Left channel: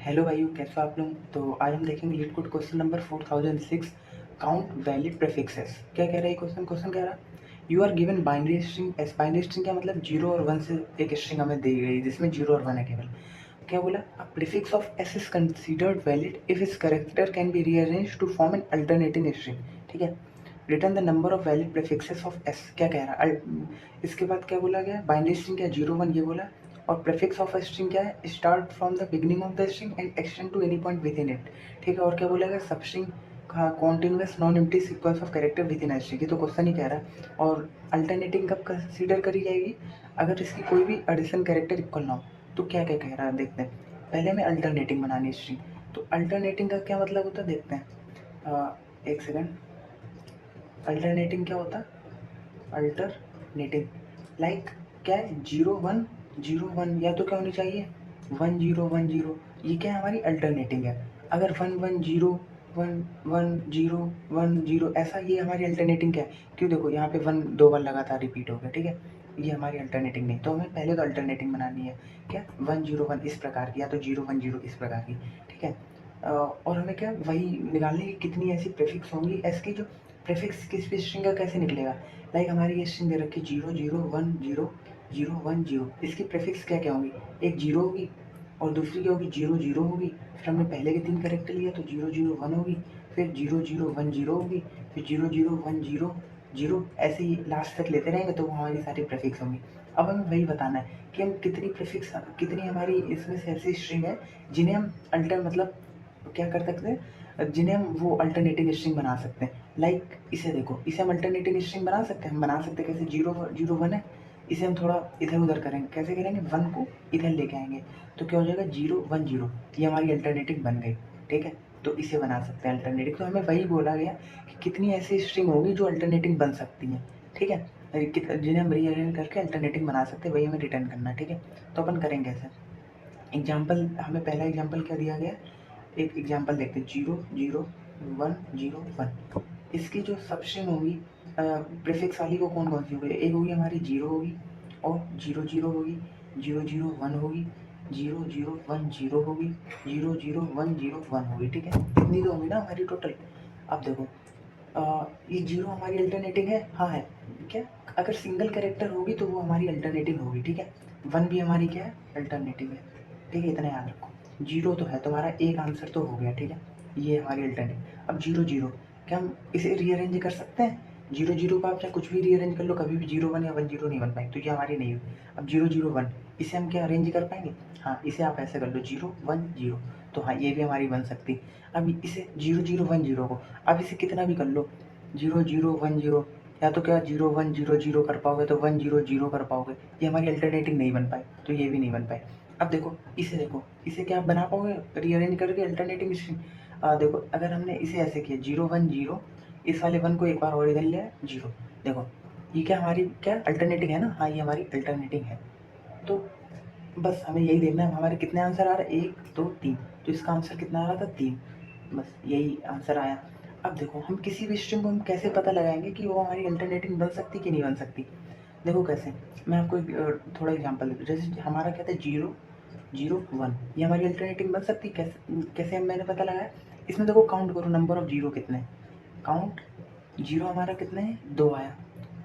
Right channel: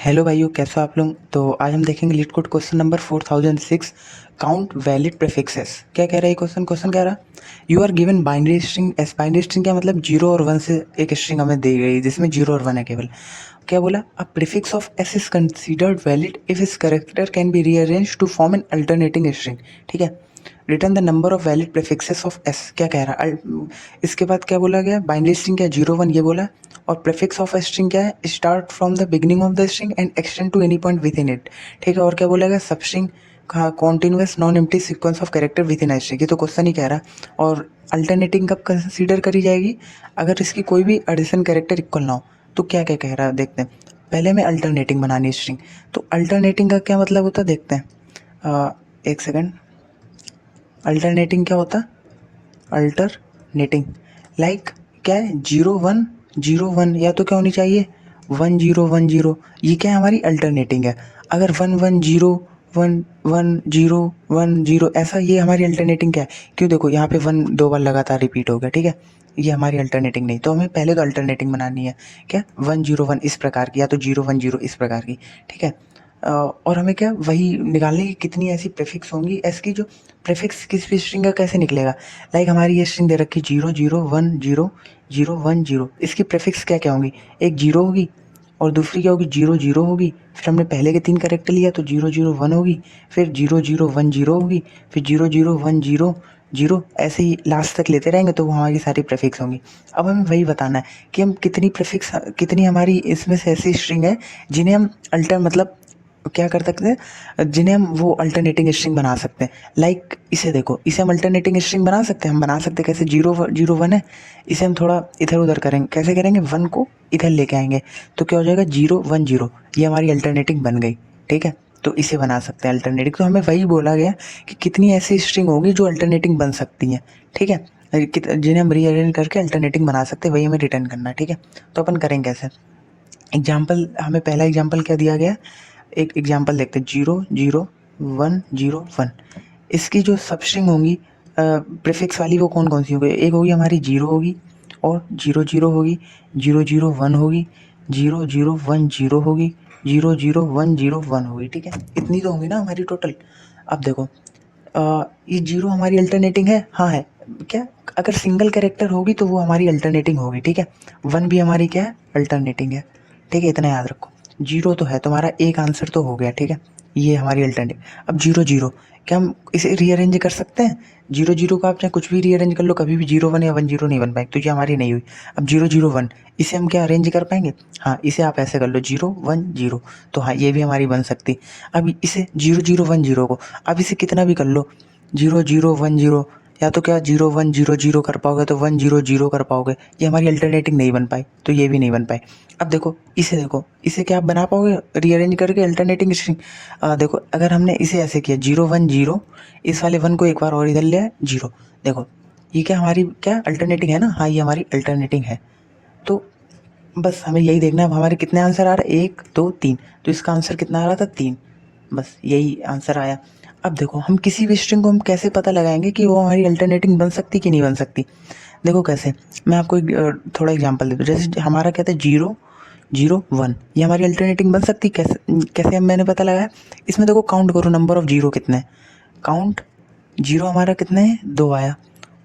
Hello भाइयों, कैसे हो आप लोग। तो आज हम देखेंगे LeetCode question number 4006, count valid prefixes. क्या कह रहा है ये क्वेश्चन क्वेश्चन कह रहा you are given binary string s. Binary string क्या मतलब, जीरो और वन से एक स्ट्रिंग हमें दी गई जिसमें जीरो और वन है केवल। क्या बोला, a prefix of S is considered valid if its character can be rearrange to form an alternating string. ठीक है, return the number of valid prefixes of S. क्या कह रहा है, इसके बाद क्या बोला गया, बाइनरी स्ट्रिंग क्या जीरो वन ये बोला। और प्रीफिक्स ऑफ स्ट्रिंग क्या है, start from the beginning of the string and extend to any point within it. ठीक है, और क्या बोला गया, सब string continuous non empty sequence of character with in string. ये तो क्वेश्चन ही कह रहा है। और अल्टरनेटिंग कब कंसीडर करी जाएगी, अगर इसकी कोई भी एडिशन कैरेक्टर इक्वल ना हो। तो क्या क्या कह रहा है देखते हैं। पहले हमें अल्टरनेटिंग बनानी स्ट्रिंग। तो अल्टरनेटिंग का क्या मतलब होता है देखते हैं। एक सेकेंड, अल्टरनेटिंग क्या होता, अल्टरनेटिंग लाइक क्या है, जीरो वन या तो क्या होनी चाहिए, वन जीरो। ये क्या है, हमारी अल्टरनेटिंग है। अगर one one zero, one zero ऐसा, ये हमारी अल्टरनेटिंग क्या है। क्यों, देखो यहाँ पे वन दो बार लगातार रिपीट हो गया। ठीक है, ये हमारी अल्टरनेटिंग नहीं। तो हमें पहले तो अल्टरनेटिंग बनानी है, क्या, वन जीरो वन इस प्रकार की, या तो जीरो वन जीरो इस प्रकार की। ठीक है, और हमें क्या वही निकालने की कितनी ऐसी प्रीफिक्स होंगी। एस की जो प्रीफिक्स किस भी स्ट्रिंग का कैसे निकलेगा। लाइक हमारी ये स्ट्रिंग दे रखी zero zero one zero, zero one zero. इसकी प्रीफिक्स क्या क्या होंगी, एक जीरो होगी और दूसरी क्या होगी, जीरो जीरो होगी। फिर हमने पहले के तीन कैरेक्टर लिया तो जीरो जीरो वन होगी, फिर जीरो जीरो वन जीरो होगी, फिर zero zero one zero zero, ऐसे ही लास्ट तक लेते रहेंगे तो वो हमारी सारी प्रीफिक्स होंगी। अब हमें वही बताना है कि हम कितनी प्रीफिक्स, कितनी हमारी इसमें से ऐसी स्ट्रिंग है जिन्हें हम अल्टर मतलब क्या कर सकते हैं, जिन्हें हम वो अल्टरनेटिंग स्ट्रिंग बना सकते हैं। लाइक इसे देखो, इसे हम अल्टरनेटिंग स्ट्रिंग बना सकते हैं। हम बना सकते हैं कैसे, जीरो जीरो वन है, इसे हम थोड़ा इधर उधर करेंगे। कैसे करेंगे, वन को इधर लेके आएंगे तो क्या हो जाएगा, जीरो वन जीरो। ये हमारी अल्टरनेटिंग बन गई। ठीक है, तो इसे बना सकते हैं अल्टरनेटिंग। तो हमें वही बोला गया कि कितनी ऐसी स्ट्रिंग होगी जो अल्टरनेटिंग बन सकती हैं। ठीक है, जिन्हें हम रीअरेंज करके अल्टरनेटिंग बना सकते हैं, वही हमें रिटर्न करना है। ठीक है, तो अपन करेंगे कैसे। एग्जाम्पल, हमें पहला एग्जाम्पल क्या दिया गया, एक एग्जाम्पल देखते हैं, जीरो जीरो जीरो वन। इसकी जो सब स्ट्रिंग होंगी प्रीफिक्स वाली, वो कौन कौन सी होगी, एक होगी हमारी जीरो होगी, और जीरो जीरो होगी, जीरो जीरो वन होगी, जीरो जीरो वन जीरो होगी, zero zero one zero one होगी। ठीक है, इतनी तो होंगी ना हमारी टोटल। अब देखो, ये जीरो हमारी अल्टरनेटिंग है, हाँ है। क्या, अगर सिंगल कैरेक्टर होगी तो वो हमारी अल्टरनेटिंग होगी। ठीक है, वन भी हमारी क्या है, अल्टरनेटिंग है। ठीक है, इतना याद रखो। जीरो तो है, तुम्हारा एक आंसर तो हो गया। ठीक है, ये हमारी अल्टरनेटिव। अब जीरो जीरो, क्या हम इसे रीअरेंज कर सकते हैं। जीरो जीरो का आप चाहे कुछ भी रीअरेंज कर लो, कभी भी जीरो वन या वन जीरो नहीं बन पाएगी, तो ये हमारी नहीं हुई। अब जीरो जीरो वन, इसे हम क्या अरेंज कर पाएंगे, हाँ इसे आप ऐसे कर लो, जीरो वन जीरो। तो हाँ, ये भी हमारी बन सकती। अब इसे जीरो जीरो वन जीरो को, अब इसे कितना भी कर लो, जीरो जीरो वन जीरो, या तो क्या जीरो वन जीरो जीरो कर पाओगे तो वन जीरो जीरो कर पाओगे। ये हमारी अल्टरनेटिंग नहीं बन पाई, तो ये भी नहीं बन पाई। अब देखो, इसे क्या आप बना पाओगे रीअरेंज करके अल्टरनेटिंग स्ट्रिंग। देखो, अगर हमने इसे ऐसे किया जीरो वन जीरो, इस वाले वन को एक बार और इधर लिया जीरो। देखो, ये क्या हमारी क्या अल्टरनेटिंग है ना, हाँ ये हमारी अल्टरनेटिंग है। तो बस हमें यही देखना है हमारे कितने आंसर आ रहे हैं, एक दो तीन। तो इसका आंसर कितना आ रहा था, तीन। बस यही आंसर आया। अब देखो, हम किसी भी स्ट्रिंग को हम कैसे पता लगाएंगे कि वो हमारी अल्टरनेटिंग बन सकती कि नहीं बन सकती। देखो कैसे, मैं आपको एक थोड़ा एग्जांपल देता हूँ। जैसे हमारा कहते हैं जीरो जीरो वन, ये हमारी अल्टरनेटिंग बन सकती, कैसे कैसे हम मैंने पता लगाया। इसमें देखो, काउंट करो नंबर ऑफ जीरो कितने हैं। काउंट जीरो हमारा कितने हैं, दो आया।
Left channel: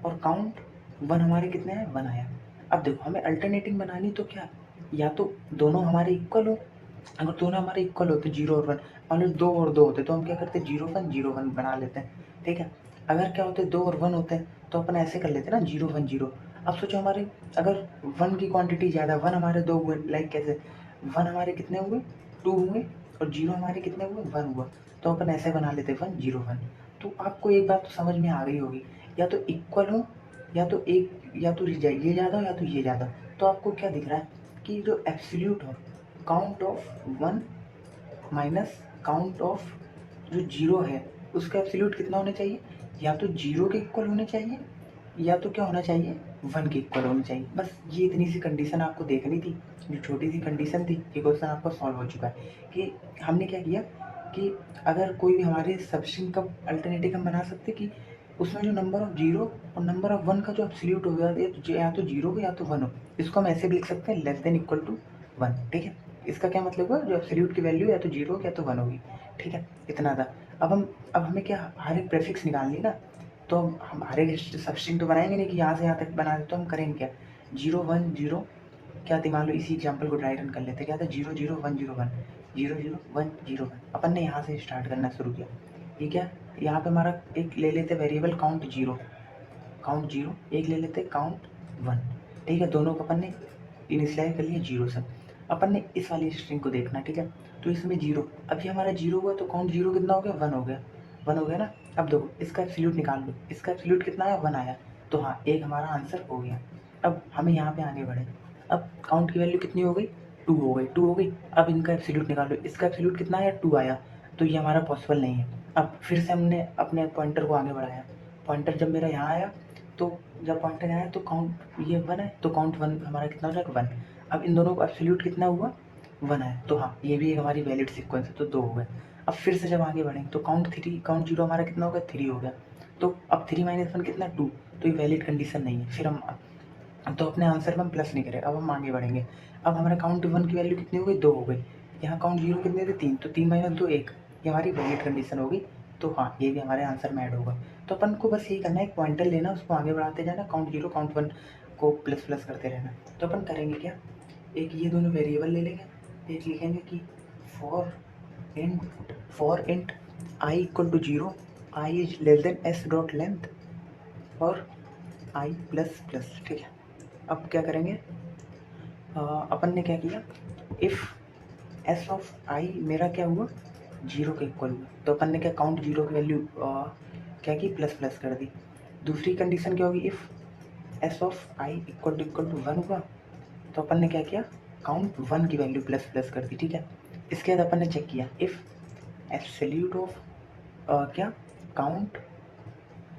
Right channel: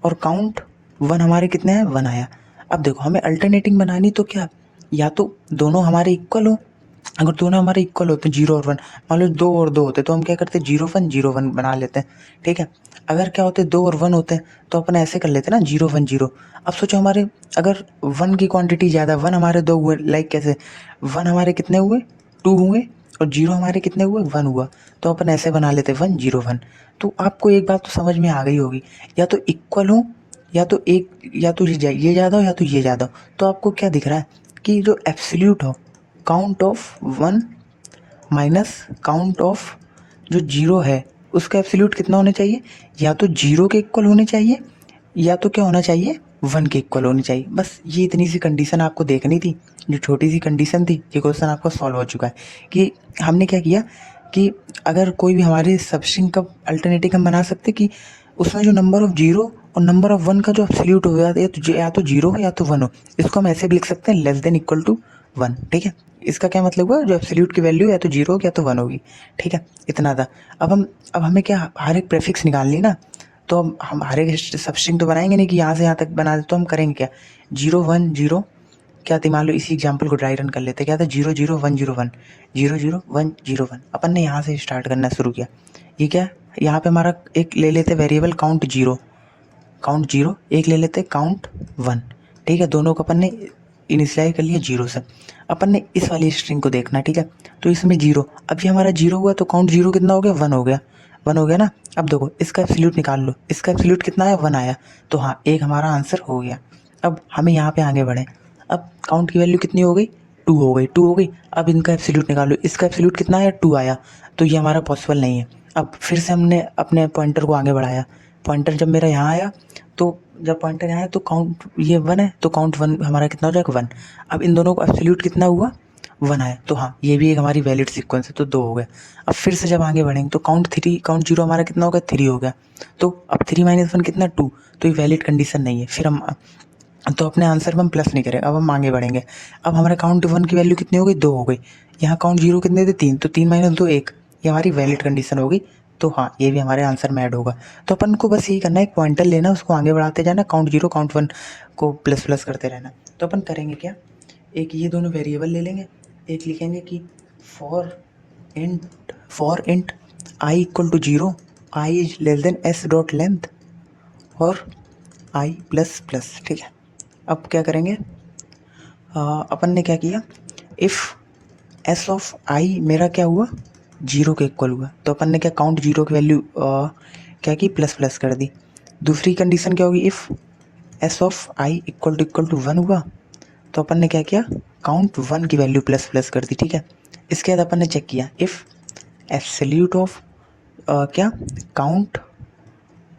और काउंट वन हमारे कितने हैं, वन आया। अब देखो, हमें अल्टरनेटिंग बनानी तो क्या, या तो दोनों हमारे इक्वल हो। अगर दोनों हमारे इक्वल होते, जीरो और वन, मान लो दो और दो होते तो हम क्या करते, जीरो वन बना लेते हैं। ठीक है, अगर क्या होते, दो और वन होते तो अपन ऐसे कर लेते ना, जीरो वन जीरो। अब सोचो, हमारे अगर वन की क्वांटिटी ज़्यादा, वन हमारे दो हुए, लाइक कैसे, वन हमारे कितने हुए, टू हुए, और जीरो हमारे कितने हुए, वन हुआ। तो अपन ऐसे बना लेते वन जीरो वन। तो आपको एक बात तो समझ में आ गई होगी, या तो इक्वल हो, या तो एक, या तो ये ज़्यादा हो या तो ये ज़्यादा हो। तो आपको क्या दिख रहा है कि जो एब्सोल्यूट हो, count of one minus count of जो जीरो है, उसका एब्सोल्यूट कितना होना चाहिए, या तो जीरो के इक्वल होने चाहिए, या तो क्या होना चाहिए, वन के इक्वल होनी चाहिए। बस ये इतनी सी कंडीशन आपको देखनी थी, जो छोटी सी कंडीशन थी। ये क्वेश्चन आपका सॉल्व हो चुका है। कि हमने क्या किया कि अगर कोई भी हमारे सबस्ट्रिंग का अल्टरनेटिव हम बना सकते कि उसमें जो नंबर ऑफ जीरो और नंबर ऑफ वन का जो एब्सोल्यूट हो, या तो जीरो हो या तो वन हो, इसको हम ऐसे भी लिख सकते हैं, less than equal to one. ठीक है, इसका क्या मतलब हुआ, जो एब्सोल्यूट की वैल्यू या तो 0 होगी या तो 1 होगी, ठीक है, इतना था। अब हमें क्या हर एक प्रीफिक्स निकालनी ना, तो हम हर एक सबस्ट्रिंग तो बनाएंगे नहीं कि यहाँ से यहाँ तक बना दे, तो हम करेंगे क्या, 0 1 0, क्या थी, मान लो इसी एग्जाम्पल को ड्राई रन कर लेते, क्या था 0 0 1 0 1 0 0 1 0 1। अपन ने यहाँ से स्टार्ट करना शुरू किया। ये क्या, यहाँ पे हमारा एक ले लेते वेरिएबल काउंट 0, एक ले लेते काउंट 1, ठीक है, दोनों को अपन ने इनिशियलाइज कर लिया 0 से। अपन ने इस वाली स्ट्रिंग को देखना, ठीक है, तो इसमें 0, अब ये हमारा 0 हुआ तो काउंट 0 कितना हो गया, 1 हो गया, 1 हो गया ना। अब देखो इसका एब्सोल्यूट निकाल लो, इसका एब्सोल्यूट कितना आया, 1 आया, तो हाँ एक हमारा आंसर हो गया। अब हमें यहाँ पे आगे बढ़े, अब काउंट की वैल्यू कितनी हो गई, 2 हो गई, 2 हो गई। अब इनका एब्सोल्यूट निकालो, इसका एब्सोल्यूट कितना आया, 2 आया, तो ये हमारा पॉसिबल नहीं है। अब फिर से हमने अपने पॉइंटर को आगे बढ़ाया, पॉइंटर जब मेरा यहाँ आया, तो जब पॉइंटर यहाँ है तो काउंट ये 1 है, तो काउंट 1 हमारा कितना हो जाएगा, 1। अब इन दोनों को एब्सोल्यूट कितना हुआ, 1 आया, तो हाँ ये भी एक हमारी वैलिड सीक्वेंस है, तो 2 हो गए। अब फिर से जब आगे बढ़ेंगे तो काउंट 0 हमारा कितना हो गया, 3 हो गया, तो अब 3 - 1 कितना, 2, तो ये वैलिड कंडीशन नहीं है। फिर हम तो अपने आंसर में हम प्लस नहीं करें, अब हम आगे बढ़ेंगे। अब हमारे काउंट 1 की वैल्यू कितनी हो गई, 2 हो गई, यहाँ काउंट 0 कितने थे, 3, तो 3 - 2 1, ये हमारी वैलिड कंडीशन होगी, तो हाँ ये भी हमारे आंसर में ऐड होगा। तो अपन को बस यही करना है, एक पॉइंटर लेना, उसको आगे बढ़ाते जाना, काउंट 0 काउंट 1 को प्लस प्लस करते रहना। तो अपन करेंगे क्या, एक ये दोनों वेरिएबल ले लेंगे, एक लिखेंगे कि for int i equal to 0, i is less than s dot length और आई प्लस प्लस, ठीक है। अब क्या करेंगे, अपन ने क्या किया, इफ़ एस ऑफ आई मेरा क्या हुआ, 0 के इक्वल हुआ, तो अपन ने क्या काउंट 0 की वैल्यू क्या की, प्लस प्लस कर दी। दूसरी कंडीशन क्या होगी, if s of i equal to 1 हुआ, तो अपन ने क्या किया, काउंट 1 की वैल्यू प्लस प्लस कर दी, ठीक है। इसके बाद अपन ने चेक किया, इफ़ एब्सोल्यूट ऑफ क्या count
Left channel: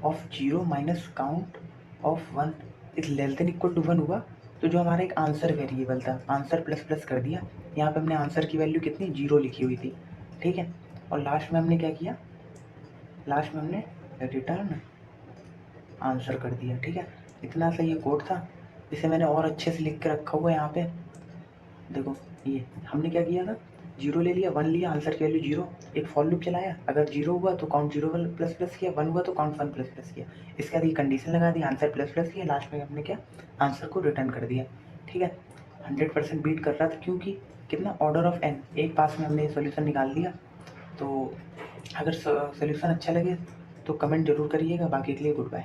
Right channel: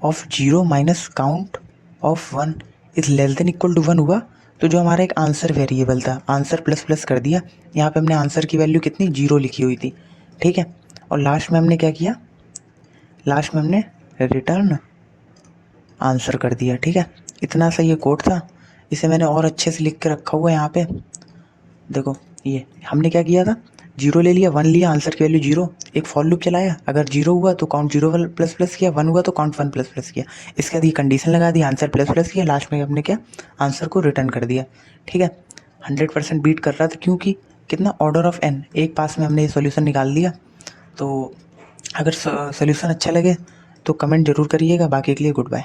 of 0 minus count of 1 is less than equal to 1 हुआ, तो जो हमारा एक आंसर वेरिएबल था, आंसर प्लस प्लस कर दिया। यहाँ पे हमने आंसर की वैल्यू कितनी, 0 लिखी हुई थी, ठीक है। और लास्ट में हमने क्या किया, लास्ट में हमने रिटर्न आंसर कर दिया, ठीक है। इतना सा ये कोड था, इसे मैंने और अच्छे से लिख के रखा हुआ है यहाँ पे। देखो ये हमने क्या किया था, 0 ले लिया, 1 लिया, आंसर की वैल्यू 0, एक फॉर लूप चलाया, अगर 0 हुआ तो काउंट 0 प्लस प्लस किया, 1 हुआ तो काउंट 1 प्लस प्लस किया। इसके बाद ये कंडीशन लगा दी, आंसर प्लस प्लस किया, लास्ट में हमने क्या, आंसर को रिटर्न कर दिया, ठीक है। 100% बीट कर रहा था, क्योंकि कितना, ऑर्डर ऑफ n, एक पास में हमने ये सोल्यूशन निकाल दिया। तो अगर सोल्यूशन अच्छा लगे तो कमेंट ज़रूर करिएगा, बाकी के लिए गुड बाय।